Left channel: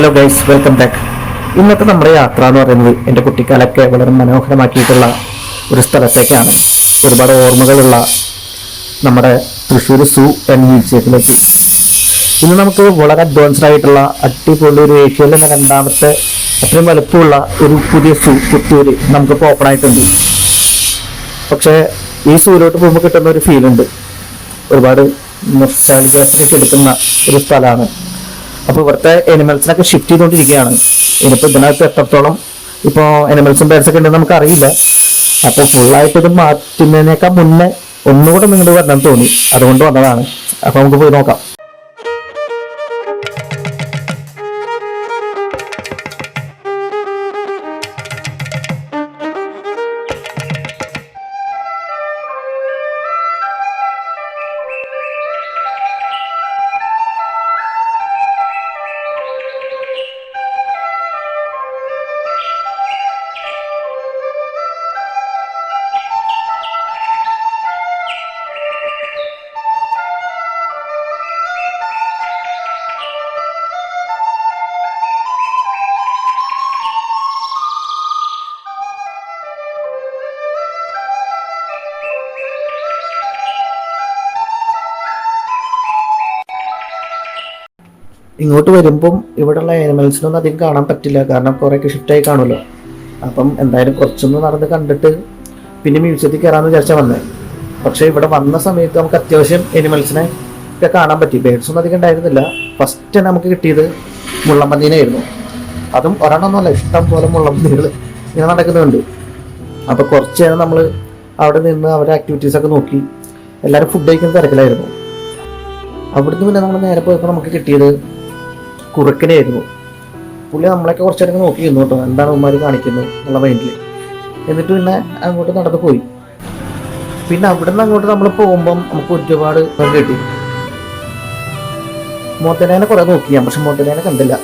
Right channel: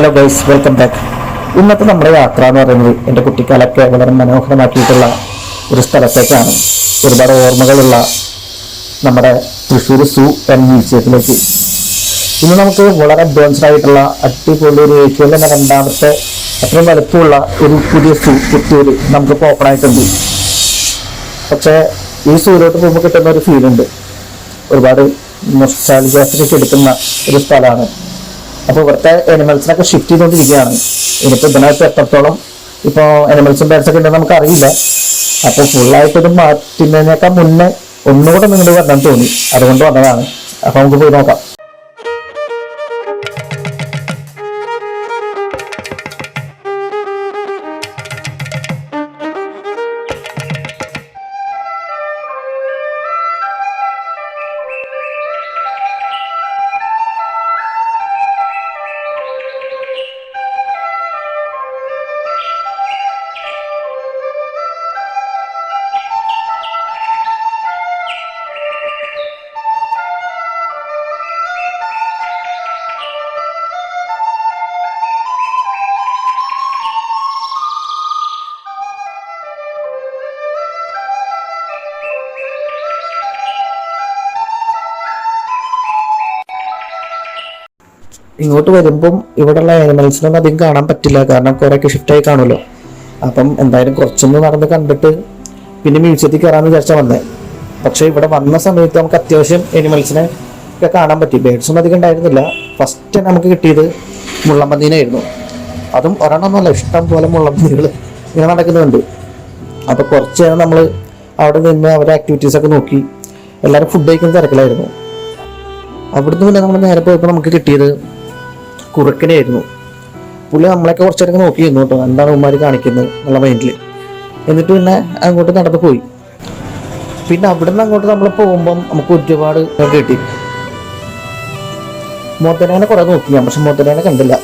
Hello guys welcome back ഇന്നത്തെ നമ്മുടെ യാത്ര എന്ന് പറയുന്നത് എന്റെ കുട്ടിക്കാലൊക്കെ വളരെ മനോഹരമാക്കിയിട്ടുള്ള ഒരു സ്ഥലത്തേക്കാണ്. ഒരുപാട് ഓർമ്മകളുള്ള നമ്മുടെ തൃശ്ശൂർ സൂ എന്ന മ്യൂസിയത്തിലേക്ക്. ഇന്ന് നമുക്ക് വളരെ അഡ്വാൻസ്ഡ് ആയിട്ടുള്ള അടിപൊളി ഒരു ഏഷ്യയിലെ രണ്ടാമത്തെ അത്രയും വലുപ്പമുള്ള ഒരു പുതിയ സൂ പുത്തൂര് നമുക്കിപ്പോൾ ഓപ്പൺ ആയിട്ടുണ്ട്. പക്ഷേ ഈ സൂര്യോട്ട് പോകുമ്പോൾ കിട്ടുന്ന ഒരു ഫീലുണ്ട് ഒരുപാട് നൊസ്റ്റാൾജിയാസൊക്കെ എടുക്കുന്ന ഒരു സ്ഥലമാണ്. അപ്പോൾ ഇവിടുത്തെ എനിമൽസിനൊക്കെ ഷിഫ്റ്റ് ചെയ്തുകൊണ്ടിരിക്കുകയാണ് ഇനിയിപ്പോൾ ഇതിനകത്ത് എത്രത്തോളം ഇപ്പോൾ എനിമൽസും ബേഡ്സ് ഒക്കെ ഉണ്ടെന്ന് നമുക്ക് അറിയില്ല അപ്പോൾ ഫുള്ളായിട്ട് ഇത് മാറ്റുന്നതിനേക്കാൾ മുന്നേ ഒന്നുകൂടെ നിങ്ങളുടെ വരണം തോന്നി. അതുകൊണ്ട് വന്നതാണ്. അപ്പോൾ നമുക്ക് പോയി നോക്കാം. ഇങ്ങോട്ട് വരുമ്പം ഇവിടെയുള്ള ആനിമൽസിനൊന്നും അധികം കാണാൻ പറ്റില്ല. കാരണം കുറേയൊക്കെ ഷിഫ്റ്റായി കാണുമല്ലോ. അപ്പം എന്തായാലും കുറച്ചൊന്ന് നടന്ന് കണ്ടിട്ട് പിന്നെ മ്യൂസിയത്തിൽ കയറാമെന്ന് വിചാരിച്ചാൽ വന്നത് പക്ഷേ ഇവിടെ വന്ന സമയത്ത് നമുക്ക് അത്യാവശ്യം എനിമൽസിനെ ഒക്കെ കാണാൻ പറ്റി. ബേഡ്സ് ഒന്നും അധികം ഉണ്ടായിരുന്നില്ല. ഫസ്റ്റ് നമുക്ക് കിട്ടിയത് മുള്ളമ്പന്നീനായിരുന്നു. അതും ഒരെണ്ണമൊന്നുമല്ല ഇഷ്ടം പോലെ മുള്ളമ്പന്നികൾ ഇങ്ങനെ നടക്കുന്നുണ്ട്. അപ്പോൾ കുറച്ച് നേരം നമ്മൾ അവിടെ നിന്ന് അവരുടെ ആക്ടിവിറ്റീസ് ഒക്കെ നോക്കി. എല്ലാവരും ഫുഡ് കഴിക്കുന്ന തിരക്കിലായിരുന്നു. അവിടുന്ന് പിന്നെ നമ്മൾ നേരെ പോയപ്പോൾ നമുക്ക് കിട്ടിയത് കുറുക്കനായിരുന്നു. പുള്ളി നമ്മളൊക്കെ കുറച്ചേരം നോക്കി നിന്നു കേട്ടോ എന്താണ് ഉമ്മാർ കാണിക്കുന്നത് എന്നുള്ള മൈൻഡിൽ എന്നിട്ട് പിന്നെ അങ്ങോട്ട് നടന്നു പോയി. പിന്നെ അവിടെ നിന്ന് അങ്ങോട്ട് നമ്മൾ പോകുമ്പം നമുക്ക് ഒരുപാട് കിട്ടി. മോത്തനേനെ കുറെ നോക്കി ഞാൻ പക്ഷെ മോത്തനേനെ കണ്ടില്ല.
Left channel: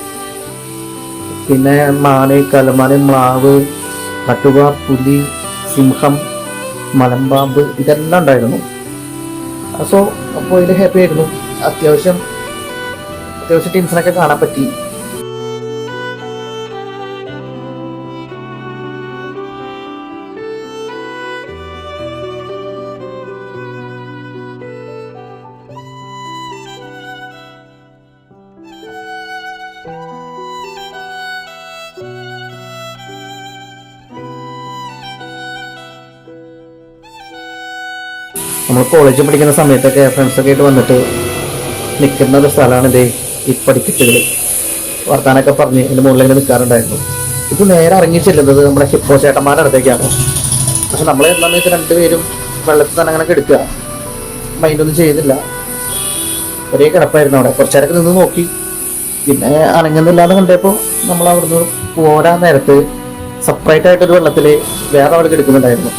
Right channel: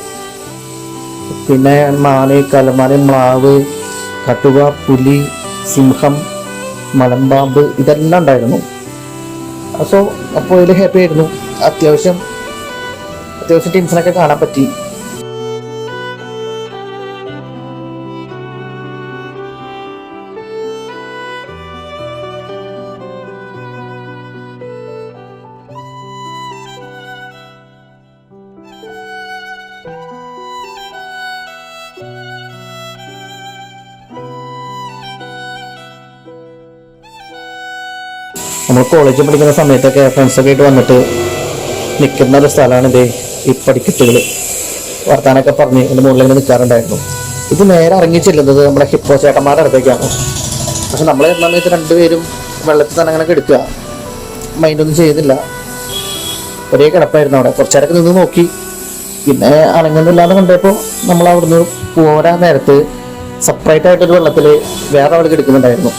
പിന്നെ മാന് കലമാന് മ്ലാവ് കട്ടുക പുലി സിംഹം മലമ്പാമ്പ് ഇതെല്ലാം ഉണ്ടായിരുന്നു. സോ അപ്പോൾ ഇതിൽ ഹാപ്പി ആയിരുന്നു. അത്യാവശ്യം അത്യാവശ്യം ടീംസിനൊക്കെ കാണാൻ പറ്റി. നമ്മൾ കോളേജിൽ പഠിക്കുന്ന സമയത്തൊക്കെ ഫ്രണ്ട്സൊക്കെ ആയിട്ട് വന്നിട്ട് നിൽക്കുന്ന ഒരു സ്ഥലമാണ് ഇതേ ഈ പഠിക്കത്തുകൾ വർത്താനൊക്കെ പറഞ്ഞ് എന്റെ മുകളിൽ നിൽക്കാറുണ്ടായിരുന്നു. ഇത് നേരെ ഇറങ്ങി ചെല്ലുന്നത് നമ്മുടെ ഹിപ്പോ ചേട്ടന്മാരുടെ അടുത്തേക്കാണ്. പക്ഷെ നമ്മൾ സമയത്ത് രണ്ടുപേരും വെള്ളത്തിൽ തന്നെ അങ്ങനെ കിടക്കുക. മൈൻഡൊന്നും ചെയ്യുന്നില്ല. ഒരേ കിടപ്പായിരുന്നു അവിടെ. കുറച്ചേരൊക്കെ നിന്ന് നോക്കി. പിന്നെ അനങ്ങുന്നില്ലാന്ന് കണ്ടപ്പോൾ നമ്മൾ അവിടുന്ന് പോരാൻ നേരത്ത് സെപ്പറേറ്റ് ആയിട്ടൊരു വെള്ളത്തിൽ വേറെ അവിടെ കിടക്കുന്നുണ്ടായിരുന്നു.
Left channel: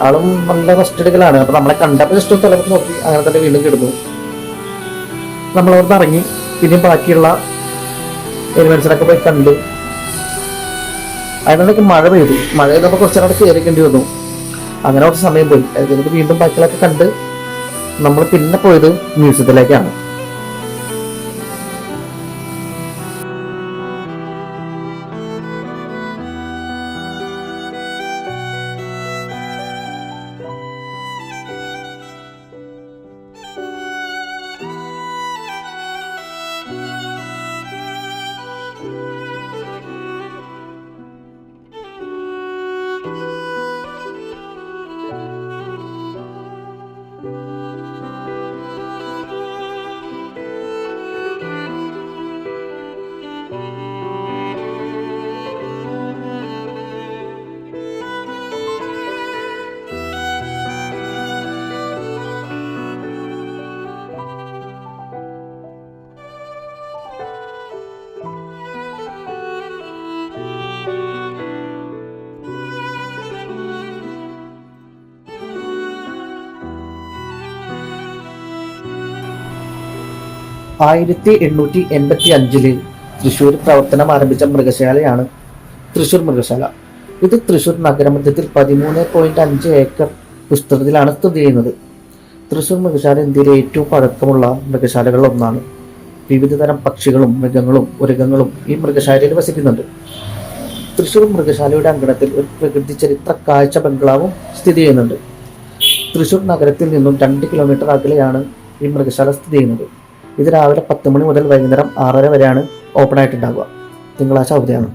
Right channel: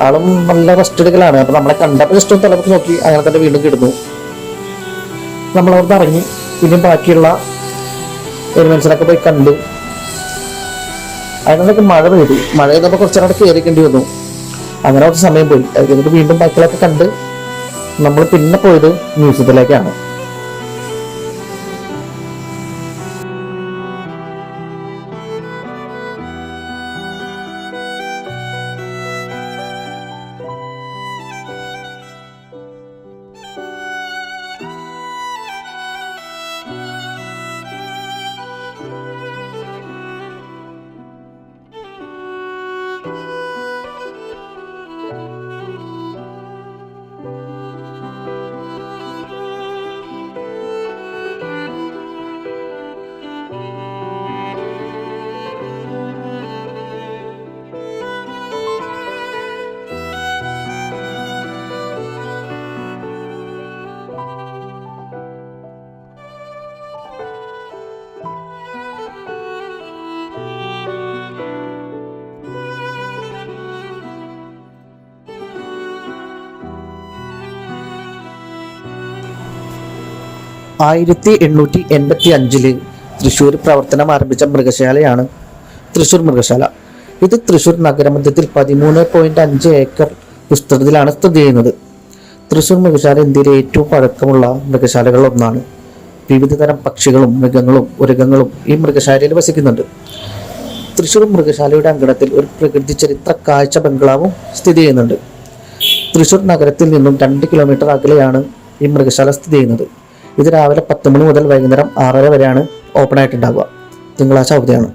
ആളും നല്ല റെസ്റ്റ് എടുക്കലാണ്. അപ്പം നമ്മളെ കണ്ടപ്പോൾ ഇഷ്ടം തലപ്പ് നോക്കി. അങ്ങനെ തന്നെ വീണ്ടും കിടന്നു. നമ്മളവിടുന്ന് ഇറങ്ങി. പിന്നെ ബാക്കിയുള്ള എലിമെന്റ്സിനൊക്കെ പോയി കണ്ടു. അതിനൊക്കെ മഴ പെയ്തു. മഴ പെയ്തപ്പോൾ കുറച്ച് നേരം കയറിക്കേണ്ടി വന്നു. അങ്ങനെ കുറച്ച് സമയം പോയി. അത് കഴിഞ്ഞിട്ട് വീണ്ടും ബാക്കിയുള്ളതൊക്കെ കണ്ട് നമ്മൾ പിന്നെ പോയത് മ്യൂസിയത്തിലേക്കാണ്. ആയിരത്തി എണ്ണൂറ്റി എൺപത്തി അഞ്ചിൽ തൃശ്ശൂർ പ്രവർത്തനം ആരംഭിച്ച മൃഗശാലയാണ് തൃശ്ശൂർ മൃഗശാല. ഇത് തൃശ്ശൂർ നഗരമധ്യത്തിൽ പതിമൂന്ന് പോയിന്റ് അഞ്ച് ഏക്കർ വിസ്തൃതിയിലാണ് സ്ഥിതി ചെയ്യുന്നത്. തൃശ്ശൂർ മൃഗശാല ഇന്ത്യയിലെ ഏറ്റവും പഴക്കമുള്ള മൃഗശാലകളിൽ ഒന്നാണ് വിവിധ തരം പക്ഷികളും മൃഗങ്ങളും ഉരകങ്ങളും ഈ മൃഗശാലയിൽ വസിക്കുന്നുണ്ട്. തൃശ്ശൂർ മൃഗശാലയുടെ അങ്കണത്തിൽ ഒരു പ്രകൃതി ചരിത്ര കാഴ്ച ബംഗ്ലാവും സ്ഥിതി ചെയ്യുന്നുണ്ട്. തൃശ്ശൂർ നഗരത്തിൽ നിന്നും രണ്ട് കിലോമീറ്റർ അകലെയാണ് ഈ മൃഗശാല സ്ഥിതി ചെയ്യുന്നത്. ഇത് രാവിലെ പത്ത് മണി മുതൽ വൈകുന്നേരം ആറര വരെയാണ് ഓപ്പൺ ആയിട്ടുണ്ടാവുക. തിങ്കളാഴ്ച അവധിയാണ്.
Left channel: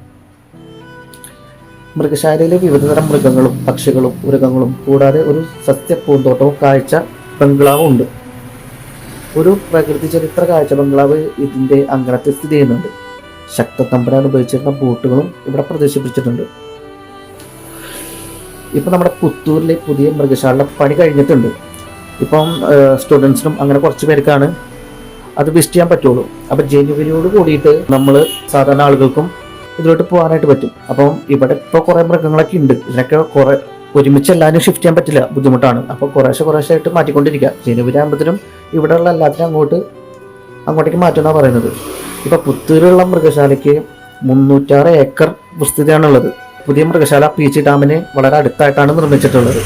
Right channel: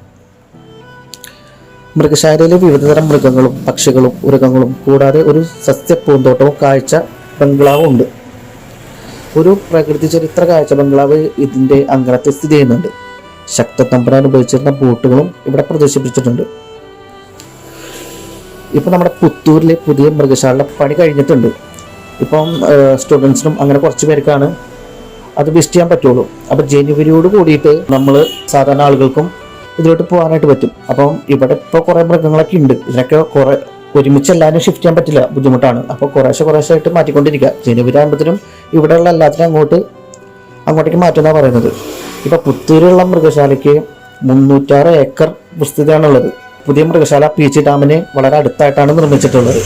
മൃഗശാലയിലെ വിവിധതരം മൃഗങ്ങളും പക്ഷികളും മൃഗങ്ങളും കൂടാതെ ഒരു സസ്യ പൂന്തോട്ടവും കാഴ്ച ബംഗ്ലാവും ഉണ്ട് ഒരു പ്രകൃതി ചരിത്ര കാഴ്ച ബംഗ്ലാവ് ഇതിന്റെ അങ്കണത്തിൽ സ്ഥിതി ചെയ്യുന്നുണ്ട്. ശക്തത്തമ്പുരാൻ ഉപയോഗിച്ചിരുന്ന ബോട്ടുകളും ഇവിടെ പ്രദർശിപ്പിച്ചിട്ടുണ്ട്. ഇപ്പം നമ്മുടെ പുത്തൂരിലെ പുതിയ മൃഗശാലയുടെ പണി കഴിഞ്ഞിട്ടുണ്ട്. ഇപ്പം സ്റ്റുഡൻസിനും അങ്ങനെ കുറച്ച് പേർക്കാണ് അത് വിസ്റ്റ് ചെയ്യാൻ പറ്റുള്ളൂ. അപ്പൊ ജനുവരിയോട് കൂടിയിട്ട് നമ്മൾ സാധാരണ ആളുകൾക്കും ഇതിലോട്ട് പോകാനായിട്ട് പറ്റും. അപ്പം ഇവിടെ ഇപ്പോൾ കുറേ മൃഗങ്ങളൊക്കെ ഉണ്ട്. ഇതിനൊക്കെ കുറെ ഒരുമിച്ച് എല്ലാവരും ഷിഫ്റ്റ് ചെയ്യാൻ പറ്റില്ല. ബുദ്ധിമുട്ടാണ്. അപ്പോൾ കുറേശ്ശെ കുറേശ്ശെ ആയിട്ട് മാറ്റിക്കൊണ്ടിരിക്കുക. ജനുവരി ആകുമ്പോഴത്തേനും ഇവിടെയുള്ള എല്ലാത്തിനും അങ്ങോട്ട് അങ്ങോട്ടേക്ക് മാറ്റുമെന്നാണ് പറയുന്നത്. ഇപ്പൊ പുത്തൂരുള്ള മൃഗശാലയ്ക്ക് മുന്നൂറ്റാറ് ഏക്കർ വിസ്തൃതിയാണുള്ളത്. പുതിയ മൃഗശാല പീച്ചി ഡാമിന് വളരെ അടുത്തായിട്ടാണ് നിർമ്മിച്ചിട്ടുള്ളത്.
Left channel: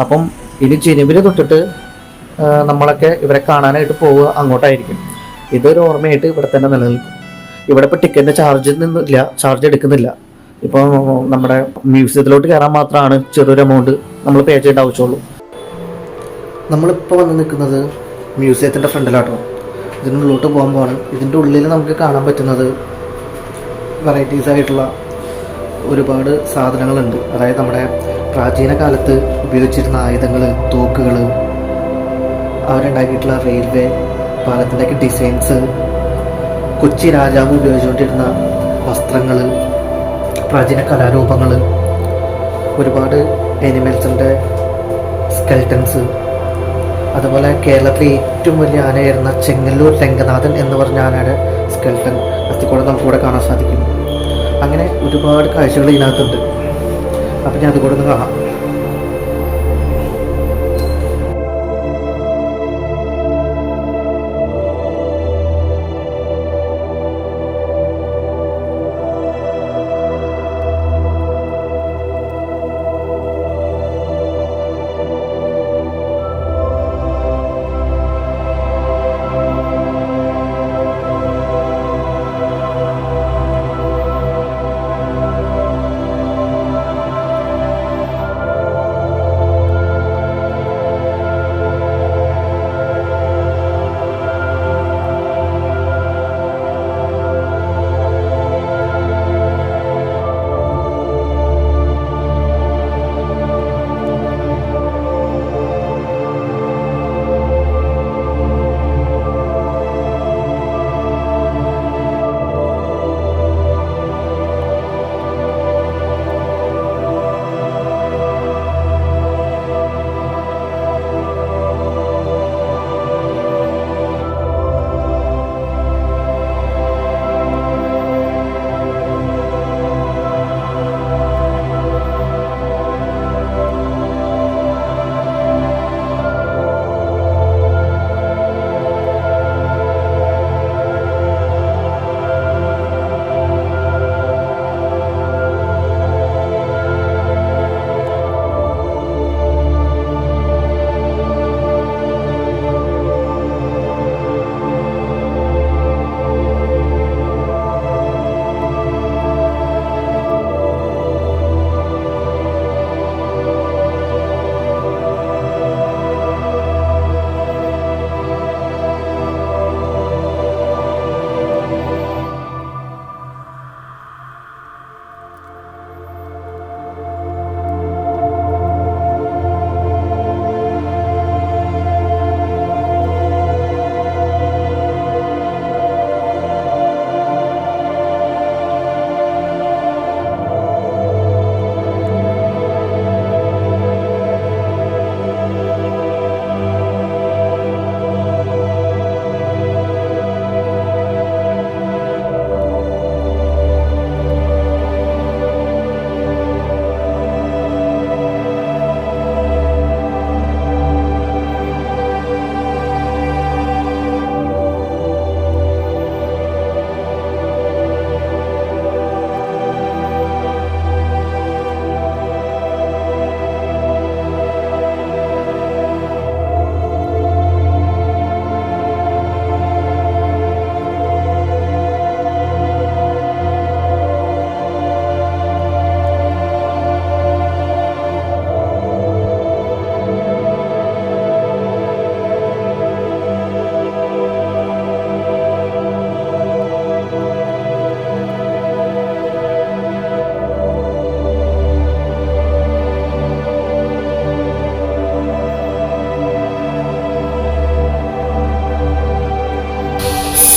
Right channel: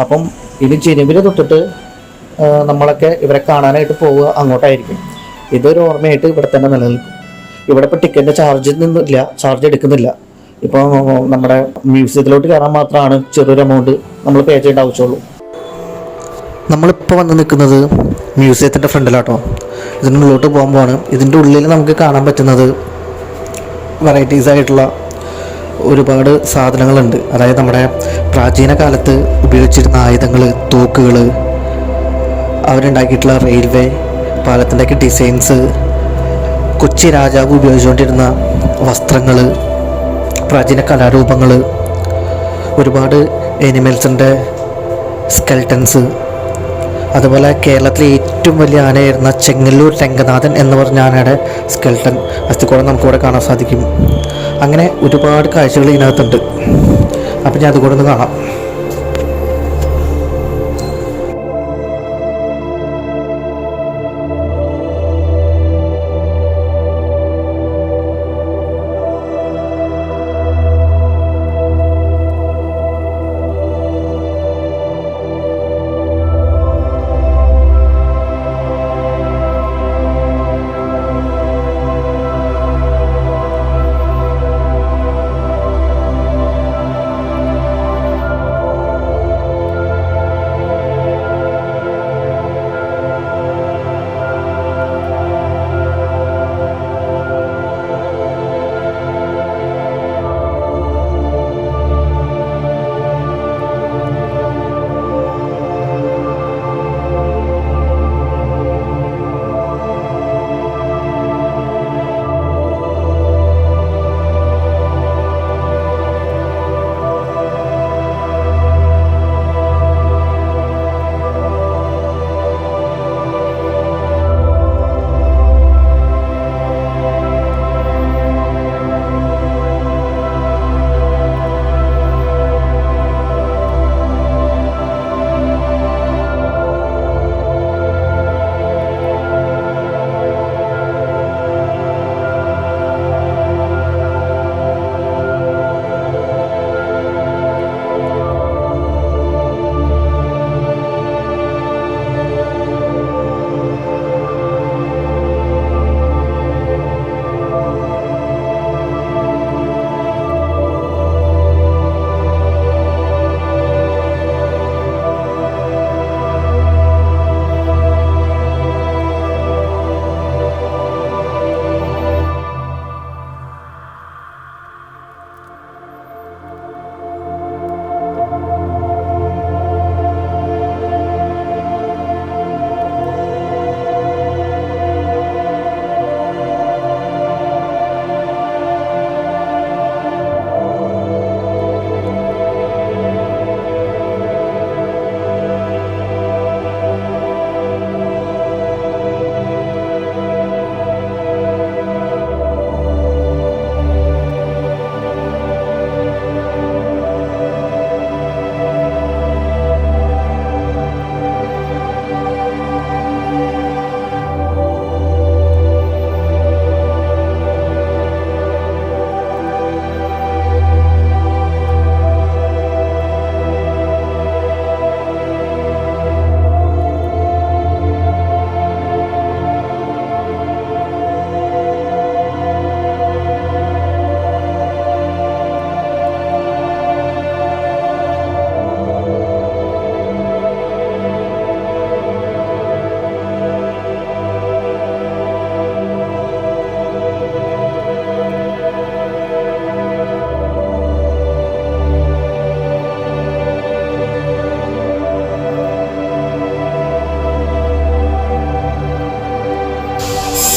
അപ്പം ഇനി ജനുവരി തൊട്ടിട്ട് നമ്മളൊക്കെ ഇവരെ കാണാനായിട്ട് പോവുക അങ്ങോട്ടായിരിക്കും. ഇതൊരു ഓർമ്മയായിട്ട് ഇവിടെ തന്നെ നിലനിൽക്കും. ഇവിടെ ഇപ്പോൾ ടിക്കറ്റിന്റെ ചാർജ് നിന്നില്ല ചാർജ് എടുക്കുന്നില്ല. ഇപ്പോൾ നമ്മുടെ മ്യൂസിയത്തിലോട്ട് കയറാൻ മാത്രമാണ് ചെറിയൊരു എമൗണ്ട് നമ്മൾ പേ ചെയ്യേണ്ട ആവശ്യമുള്ളൂ. നമ്മളിപ്പോൾ വന്ന് നിൽക്കുന്നത് മ്യൂസിയത്തിന്റെ ഫ്രണ്ടിലാട്ടോ. ഇതിന്റെ ഉള്ളിലോട്ട് പോകുമ്പോഴാണ് ഇതിന്റെ ഉള്ളിൽ നമുക്ക് കാണാൻ പറ്റുന്നത് വെറൈറ്റീസ് ആയിട്ടുള്ള ഒരുപാട് സാധനങ്ങളുണ്ട്. അതായത് നമ്മുടെ പ്രാചീന കാലത്ത് ഉപയോഗിച്ചിരുന്ന ആയുധങ്ങൾ തോക്കുകൾ അവരുണ്ടാക്കിയിട്ടുള്ള റെയിൽവേ പാലത്തിന്റെയൊക്കെ ഡിസൈൻസ് കൊച്ചി രാജാവ് ഉപയോഗിച്ചുകൊണ്ടിരുന്ന വസ്ത്രങ്ങൾ പ്രാചീന കലാരൂപങ്ങൾ ഒരുപാട് എനിമൽസിന്റെ സ്കെൽട്ടൻസ് അതുപോലെ കേരളത്തിലെ ഏറ്റവും വലിയ ആനയായിരുന്ന ചെങ്ങല്ലൂർ രംഗനാഥൻ എന്ന് പറഞ്ഞ ആനയുടെ സ്കെൽട്ടൻ അസ്ഥിക്കൂടം നമുക്കിവിടെ കാണാൻ സാധിക്കും. അങ്ങനെ ഒരുപാട് കാഴ്ചകൾ ഇതിനകത്തുണ്ട്. അപ്പം ഞാൻ അതുകൂടെ ഒന്ന് കാണാം.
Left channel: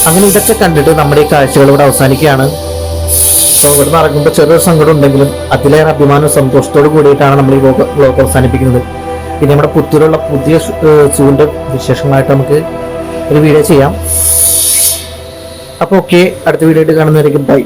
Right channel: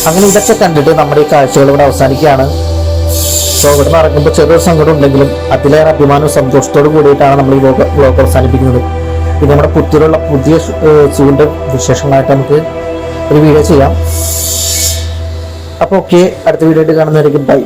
അങ്ങനെ ഇതൊക്കെ കണ്ടിട്ട് നമ്മുടെ ഈ കാഴ്ചകൾ ഇവിടെ അവസാനിക്കുകയാണ്. സോ ഇവിടെ ഇറങ്ങുമ്പോൾ ചെറിയൊരു സങ്കടം ഉണ്ടെങ്കിലും അതിലേറെ അഭിമാനവും സന്തോഷത്തോട് കൂടിയിട്ടാണ് നമ്മൾ ഈ വ്ലോഗ് വ്ലോഗ് അവസാനിപ്പിക്കുന്നത്. പിന്നെ നമ്മുടെ പുത്തൂരുള്ള പുതിയ സൂവിന്റെ വിശേഷങ്ങളായിട്ട് നമുക്ക് ഒരു വീഡിയോ ചെയ്യാം. അപ്പോൾ ഓക്കെ അടുത്ത വീഡിയോ ആയിട്ട് കാണുന്നതായിരിക്കും ബൈ